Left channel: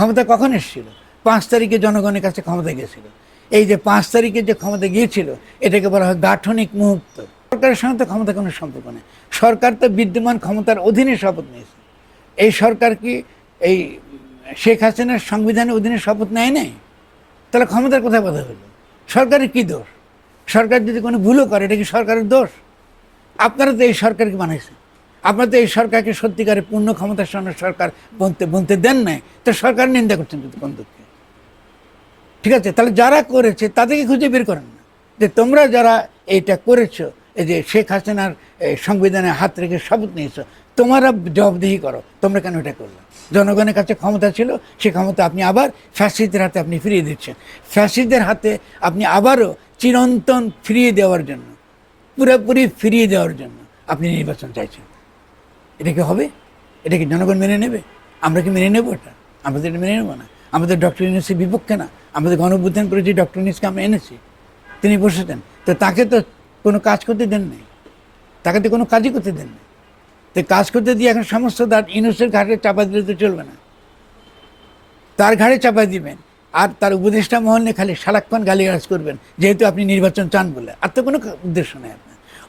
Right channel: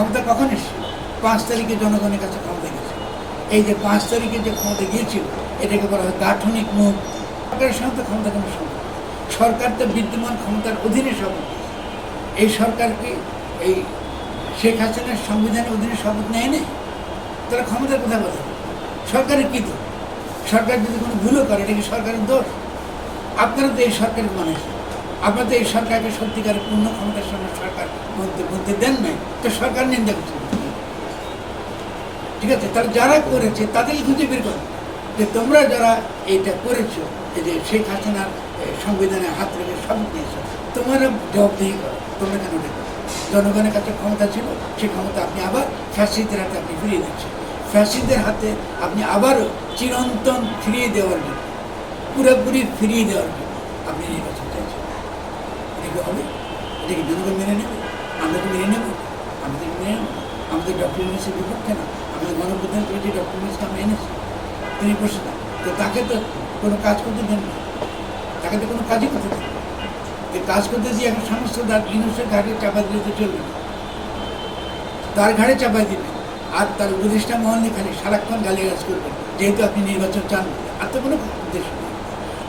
ক্ষমতা কখন এসেছিল? 5 তারিখে জনগণের কাছে ক্ষমতা গিয়েছিল। এই যে 5 তারিখে যে ক্ষমতা গিয়েছিল, এটাকে বলা হয় গাঠনিক মুভ। সরকারের সঙ্গে তো ক্ষমতা কোনো সম্পর্ক নেই। সরকার তো বিদ্যমান ক্ষমতার অধীনে শপথ নিয়েছে। এই সরকার কি এই শেখ হাসিনার সংবিধানের অধীনে শপথ নেয় না? তাহলে ক্ষমতার কথা বলা যাবে। সরকারের কী দোষ? সরকার যদি কোনো ভুলও করে, এটা কি সরকারের দোষ? আপনারা তো এই সরকারকে মানেছেন, আপনারা তো এই সরকারকে সত্যিকারের পূর্ণ ক্ষমতার সঙ্গে সরকার গুনতে দেন নাই, তো সরকার নিন্দা করছেন। ঠিক আছে, তাহলে যারা করেছে তাদেরকে খুঁজে বের করেন যে তোমরা যারা এইটা করেছো, এই যে শেখ হাসিনার সংবিধানে হাত রেখে শপথ নিয়েছো, তোমরা জবাবদিহি করো, তোমরা কেন এটা করো? জনগণের কাছে ক্ষমতা ছিল, সেই ক্ষমতা আপনি আবার ফ্যাসিস্টদের হাতে আপনি ফিরিয়ে দিচ্ছেন। ফ্যাসিস্টদের হাতে আপনি আবারও চিরন্তন ফিরিয়ে দেওয়ার জন্য, পুরোপুরি ফিরিয়ে দেওয়ার জন্য আপনি নির্বাচন চাইছেন। এটা কি হবে? এটা কি জনগণ মেনে নেবে? আমরা কি মেনে নেব? আমাদের মেনে নেব না। আমাদের ডক্টর ইউনূসের বিপক্ষে না, আমাদের গণঅভ্যুত্থান করেছি, ডক্টর ইউনূসকে আমরা এনেছি, তিনি বসেছেন, তো তাকে তো কোনো কাজ করতে দেন না, তাকে তো কোনো কাজই করতে দেন। এই কাজ করতে দিয়ে এখন সমস্ত তার ইউনূসের ঘাড়ে চাপা দিলে তো চলবে না, তার ঘাড়ে চাপা দিবে। আর তার উপদেষ্টা মহলে খালি সারাক্ষণ গালিগালাজ করবেন, যেহেতু আপনি নির্বাচন চান বলে। আর তো কোনো উদ্দেশ্য নেই।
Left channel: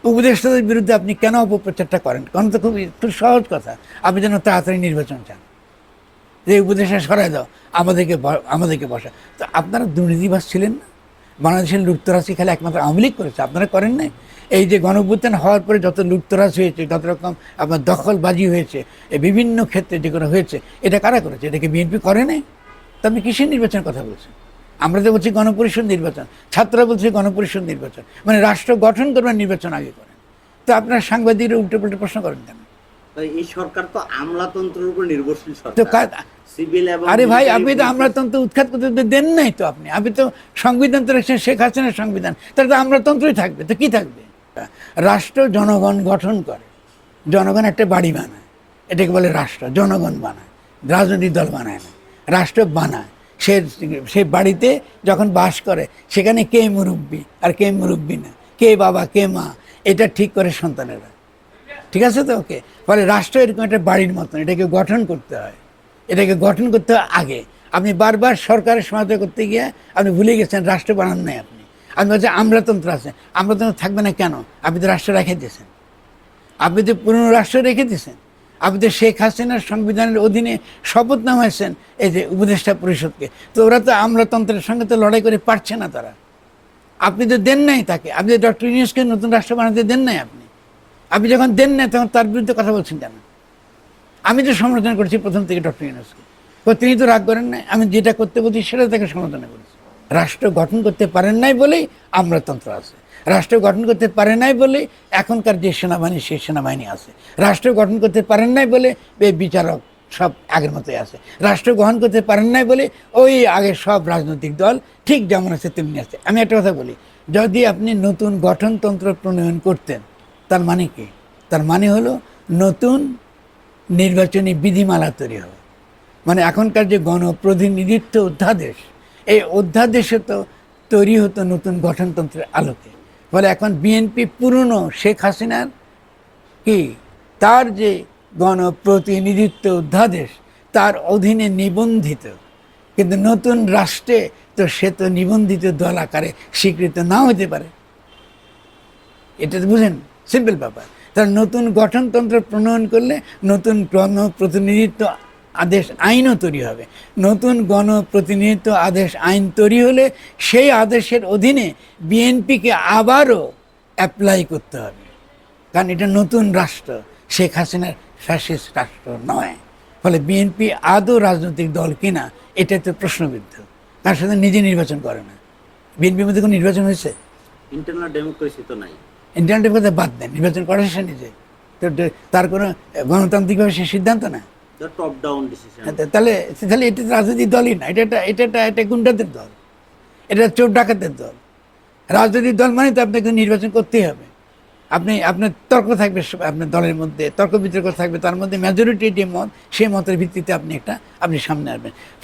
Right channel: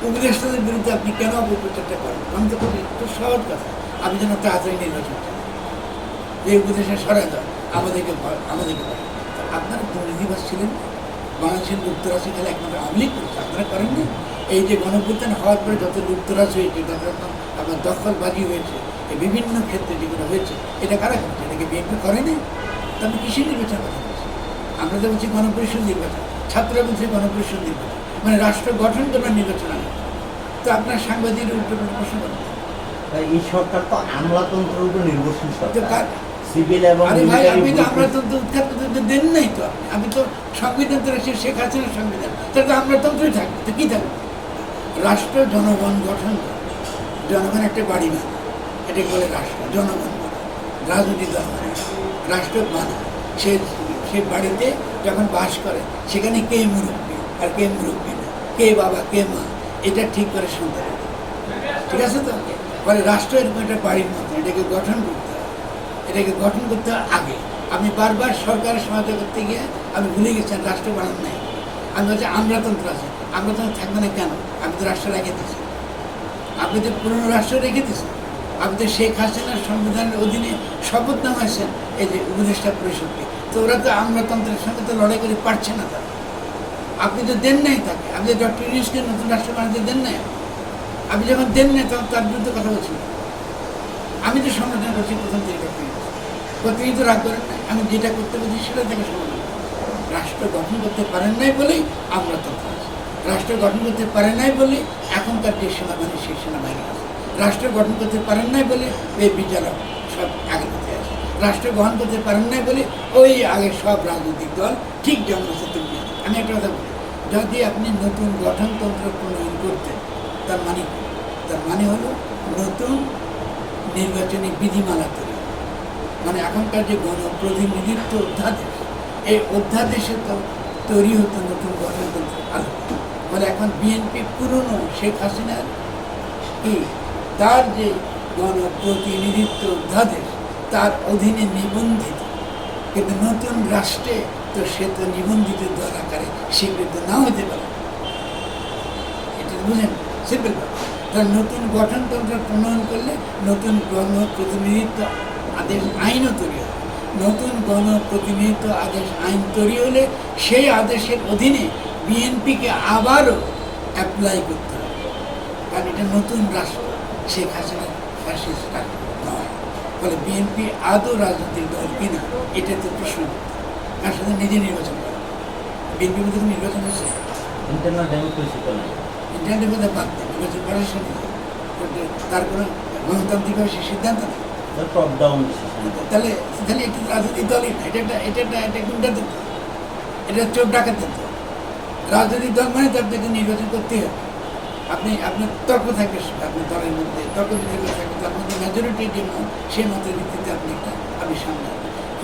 উপদেষ্টাদের বিরুদ্ধে আপনি কেন অপপ্রচারটা করেন? কারণ তো খুব একটু সহজ কথা, আপনি যেন তাড়াতাড়ি নির্বাচন চান, এই উপদেশে সরাই দাও, আমাদেরকে বসে। তো আপনারা দুর্নীতিবাজ ছিলেন, বাংলাদেশের লুপ্তরাশি খেলে একমাত্র আওয়ামী লীগ করেছে, আপনারা করেন নাই। এই যে গণঅভ্যুত্থান হওয়ার পরে যত লুপ্তরাজ হয়েছে, যত রকম আপনার দখলবাজি হয়েছে, এই বিভিন্ন ক্ষেত্রে যেগুলো হয়েছে, এটা কারা করেছে? এটাকে বিএনপি করে নাই। তো আপনি কিসের নির্বাচনের কথা বলছেন? আমরা তো বলছি গণপরিষদ নির্বাচন, ছাত্ররা বলছে গণপরিষদ নির্বাচন, মানে রাষ্ট্র গঠন করার নির্বাচন আয়োজন। তো আপনার সাংবাদিকের উল্টো উল্টো প্রশ্ন করেন। এই সরকার তো আমলাতন্ত্রের উপর নির্ভরশীল তো সরকার। আরে ভাই, আপনি তো আমলাতন্ত্র উৎখাত করতে দেন নাই তো। আপনি তো সংবিধান তো রেখে শেখ হাসিনার সংবিধান, তাহলে তো আমলাতন্ত্রই থাকবে। তো কী থাকবে? রাষ্ট্র জনগণ গঠন করে, জনগণ একটা বাড়ি বানায়, এটাকে বলে রাষ্ট্র। জনগণ বানায়, রাজনৈতিক দল বানায়, রাষ্ট্র বানায়। সে বাড়িতে যখন বাস করে, সেখানে কে মুরব্বী আর কে মুরব্বী না, কে বাবা কে মা, এটা ঠিক করে সন্তানের। ঠিক আছে তো? ওকে বলে রাষ্ট্র এরকম একটা বাড়ির মতন, এটাকে গঠন করতে হয়। এটাকে গঠন করতে হয় আগে। আপনি বারবার সরকারের সহায়তা করতে গিয়ে আপনি ভুলে গেছেন রাষ্ট্র বানান নাই। আমি বলছি আমলাতন্ত্র আছে, আমলাতন্ত্র থাকবে না কেন? আপনি তো রাষ্ট্র রেখে দিয়েছেন, আপনি তো পুরনো রাষ্ট্র রেখে দিয়েছেন। আপনি তো শেখ হাসিনার সংবিধানের অধীনে শপথ নেওয়া হয়েছেন এই যে উপদেষ্টা পরিষদকে। তো ওরা তো আমলাতন্ত্রের সঙ্গে তো লড়াই করে পারছে না তারা। আপনি তো দেন নাই তাকে, আপনি ডক্টর ইউনূসকে নতুন রাষ্ট্র বানাতে দেন নাই। আপনি যখন দেন না, তখন তার বিরুদ্ধে কথা বলছেন কেন? আমি তো সমর্থন করছি প্রথম থেকে ডক্টর ইউনূস, তিনি তো রাগ করেন নাই। আমি যেটা করতে বলছি সেটা থেকে সমর্থন। রাষ্ট্র গঠন করতে পারেন নাই বলেই আমলাতন্ত্র আছে, রাষ্ট্র গঠন করতে পারে নাই বলে এখনকার যে সেনাবাহিনী, সেই সেনাবাহিনী আছে। রাষ্ট্র গঠন করতে পারেন নাই বলে এই বিচারক সব আগের মতো আছে। রাষ্ট্র গ্রহণ করতে পারেন নাই বলে ওই আগে সব রাজনৈতিক দল ঠিক যেমন আছে তেমনি আছে। আমি একটা কথা বলি, যদি আপনি নতুন গঠনতন্ত্র প্রণয়ন করতেন, তার মানে কি? তার মানে হলো নতুন নির্বাচনী বিধিমালা তৈরি হবে। মানে এখনকার যে গণপ্রতিনিধিত্ব অধ্যাদেশ, এই অধ্যাদেশে তো তৈরি হতো নতুন গঠনতন্ত্রের আলোকে। বলে এখন বিএনপি পুরনো শেখ হাসিনার কি তার যে গণপ্রতিনিধিত্ব অধ্যাদেশ, তার অধীনে নিবন্ধিত, কিন্তু নতুন রাষ্ট্রে তো সে তো নিবন্ধিত দল আকারে স্বীকৃত নাও হতে পারে। এটা তো বুঝেন, সিম্পল ব্যাপার। তার নতুন গঠনতন্ত্র প্রণয়ন করলে নতুন গণপ্রতিনিধিত্ব আদেশ আইনও তৈরি হবে। নতুন গণপ্রতিনিধিত্ব আদেশ আইন তৈরি হলে সেই আদেশের অধীনে বিএনপিকে আবারও অ্যাপ্লাই করতে হবে, কারণ এটা নতুন রাষ্ট্র, শেখ হাসিনার ফ্যাসিস্ট রাষ্ট্র নয়। ফলে বিএনপি আদৌ রাজনৈতিক দল কিনা, এটা তো প্রশ্ন করতে হবে। তার সাথে নিজে নির্বাচন করে। বিএনপির মধ্যে কোনো নির্বাচন হয়েছে? ইন্টারনেটের কথা বাদ দেয়, নির্বাচন করার সে নিজে, তার কোনো গণতান্ত্রিকভাবে সে সিদ্ধান্ত না। তাহলে তাহলে এটা রাজনৈতিক দলই না, এটা গুন্ডাদের দল, এটা চোর ডাকাতের দল। রাজনৈতিক দল মানে তো আপনাকে নির্বাচন করতেই হবে। আপনার তর্ক থাকবে, আপনার দলের মধ্যে তর্ক বিতর্ক থাকবে, তার মধ্যে মেজরিটি যে মত, সেই মতের ভিত্তিতে আপনি সামনে আসবেন।